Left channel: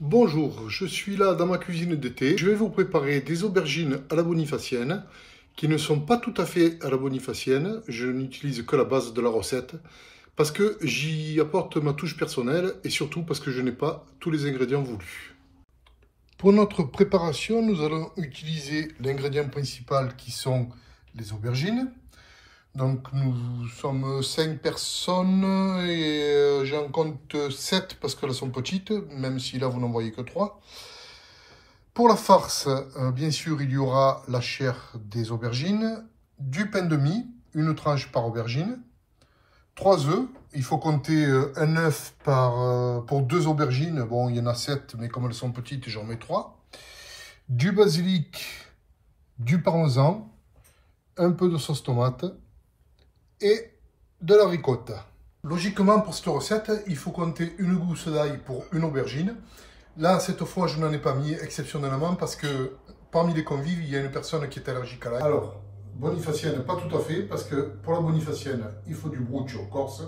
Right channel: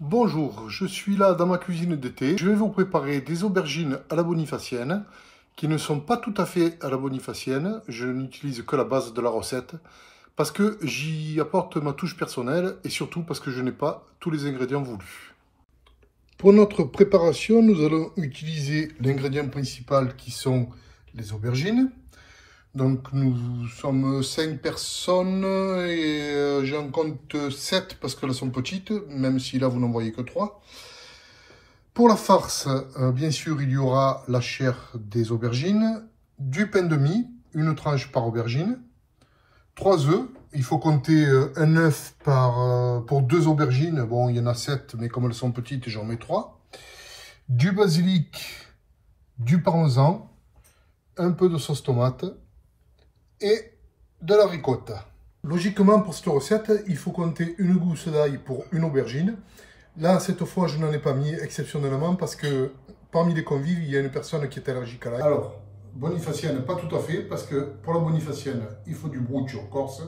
Bonjour, je suis là dans ma cuisine d'été. Je vais vous préparer des aubergines à la bonifacienne qui ne sont pas tout à fait à la bonifacienne. Je n'utilise que la base de la recette parce que j'y apporte ma touche personnelle et surtout parce que je n'ai pas tous les ingrédients voulus. Pour notre préparation, nous allons utiliser l'ingrédient principal qui sont les aubergines. Donc nous sommes 5 personnes et j'en compte 7 parce qu'elles sont petites, même si là vous n'en voyez que 3. Pour la farce, bien sûr, il y aura la chair des aubergines, du pain de mie, une tranche par aubergine, 3 œufs. Il faut compter un œuf pour 2 aubergines. Bon, il y en a 7, mais comme elles sont petites, j'en mets 3. Du basilic, du parmesan, un peu de sauce tomate et de la ricotta. Logiquement, pour cette recette, il faut compter une gousse d'ail pour une aubergine. Là, cette fois, je n'en ai pas mis exceptionnellement parce que parmi les convives, il y a une personne qui est allergique à l'ail. Alors, bonifacienne, pas tout à fait, parce que pour la bonifacienne, il faut du bruccio corse.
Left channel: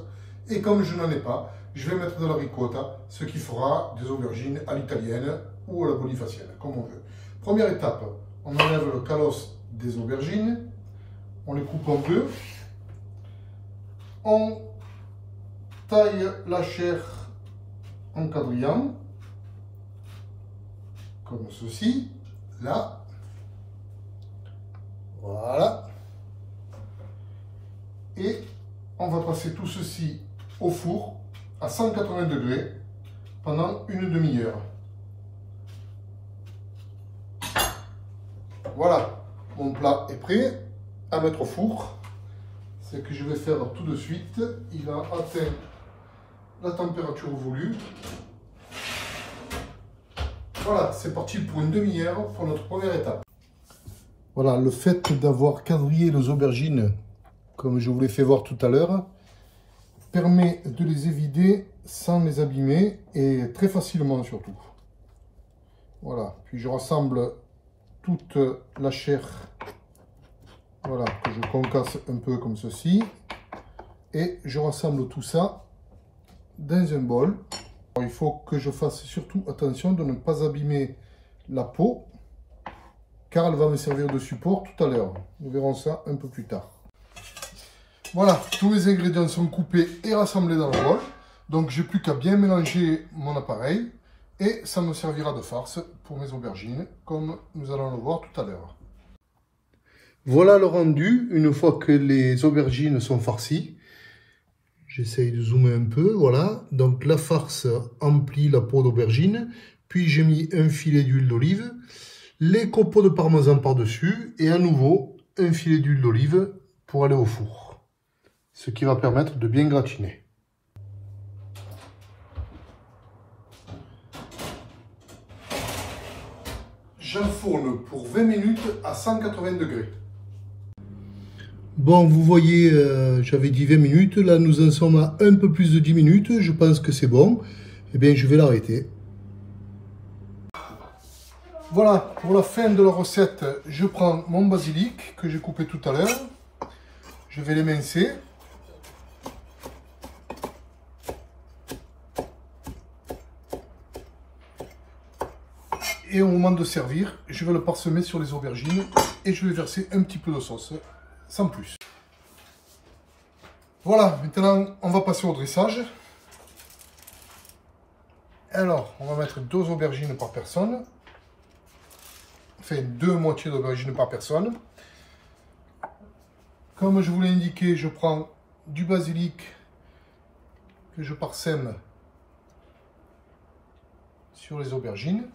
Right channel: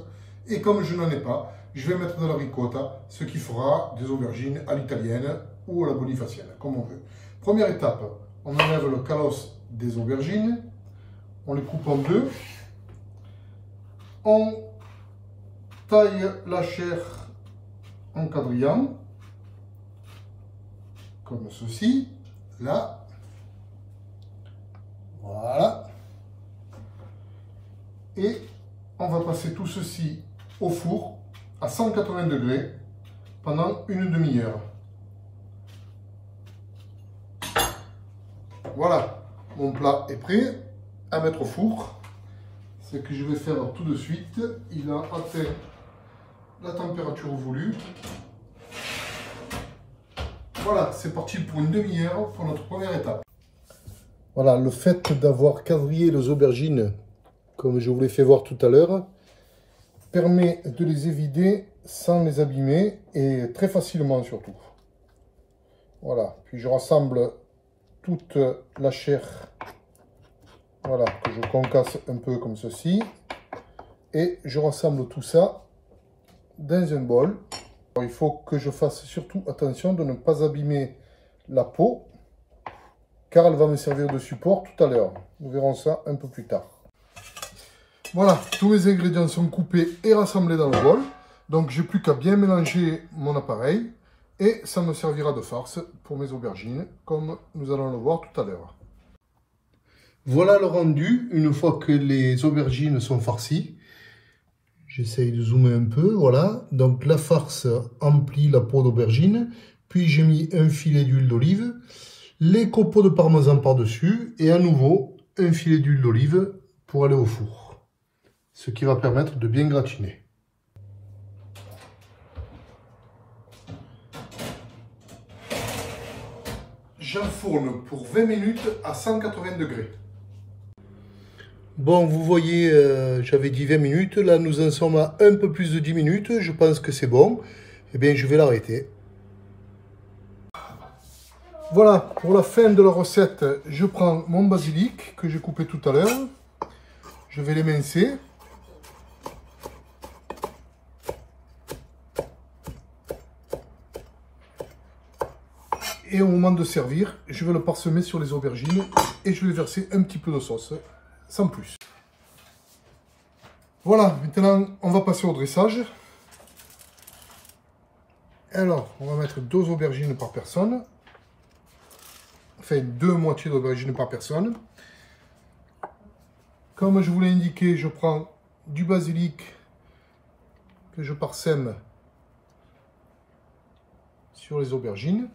Et comme je n'en ai pas, je vais mettre de la ricotta, ce qui fera des aubergines à l'italienne ou à la bonifacienne, comme on veut. Première étape, on enlève le calosse des aubergines, on les coupe en deux. On taille la chair en quadrillant, comme ceci, là, voilà. Et on va passer tout ceci au four à 180 degrés pendant une demi-heure. Voilà, mon plat est prêt à mettre au four. Ce que je vais faire tout de suite, il a atteint la température voulue. Voilà, c'est parti pour une demi-heure pour notre première étape. Voilà, le fait d'avoir quadrillé les aubergines, comme je vous l'ai fait voir tout à l'heure, permet de les évider sans les abîmer et très facilement surtout. Voilà, puis je rassemble toute la chair. Voilà, que je concasse un peu comme ceci. Et je rassemble tout ça dans un bol. Alors, il faut que je fasse surtout attention de ne pas abîmer la peau, car elle va me servir de support tout à l'heure. Nous verrons ça un peu plus tard. Voilà, tous mes ingrédients sont coupés et rassemblés dans le bol. Donc, j'ai plus qu'à bien mélanger mon appareil. Et ça me servira de farce pour mes aubergines, comme nous allons le voir tout à l'heure. Voilà le rendu, une fois que les aubergines sont farcies. J'essaye de zoomer un peu, voilà. Donc la farce emplit la peau d'aubergine, puis j'ai mis un filet d'huile d'olive, les copeaux de parmesan par-dessus, et à nouveau un filet d'huile d'olive pour aller au four. Ce qui va permettre de bien gratiner. J'enfourne pour 20 minutes à 180 degrés. Bon, vous voyez, j'avais dit 20 minutes. Là, nous en sommes à un peu plus de 10 minutes. Je pense que c'est bon. Eh bien, je vais l'arrêter. Voilà, pour la fin de la recette, je prends mon basilic que j'ai coupé tout à l'heure. Je vais l'émincer. Et au moment de servir, je vais le parsemer sur les aubergines et je vais verser un petit peu de sauce, sans plus. Voilà, maintenant on va passer au dressage. Alors, on va mettre 2 aubergines par personne. Enfin, 2 moitiés d'aubergines par personne. Comme je vous l'ai indiqué, je prends du basilic que je parsème sur les aubergines.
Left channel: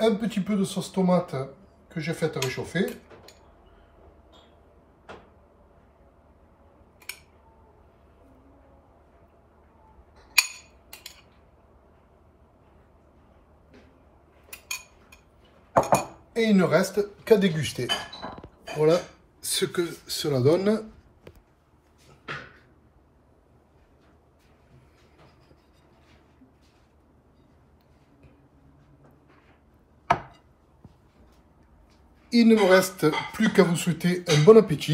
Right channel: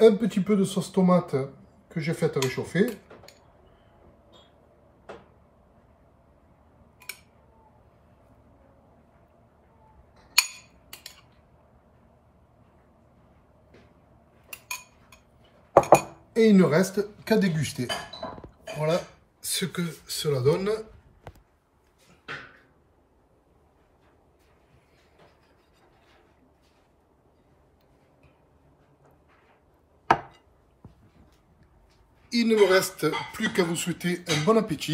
Un petit peu de sauce tomate que j'ai fait réchauffer. Et il ne reste qu'à déguster. Voilà ce que cela donne. Il ne me reste plus qu'à vous souhaiter un bon appétit.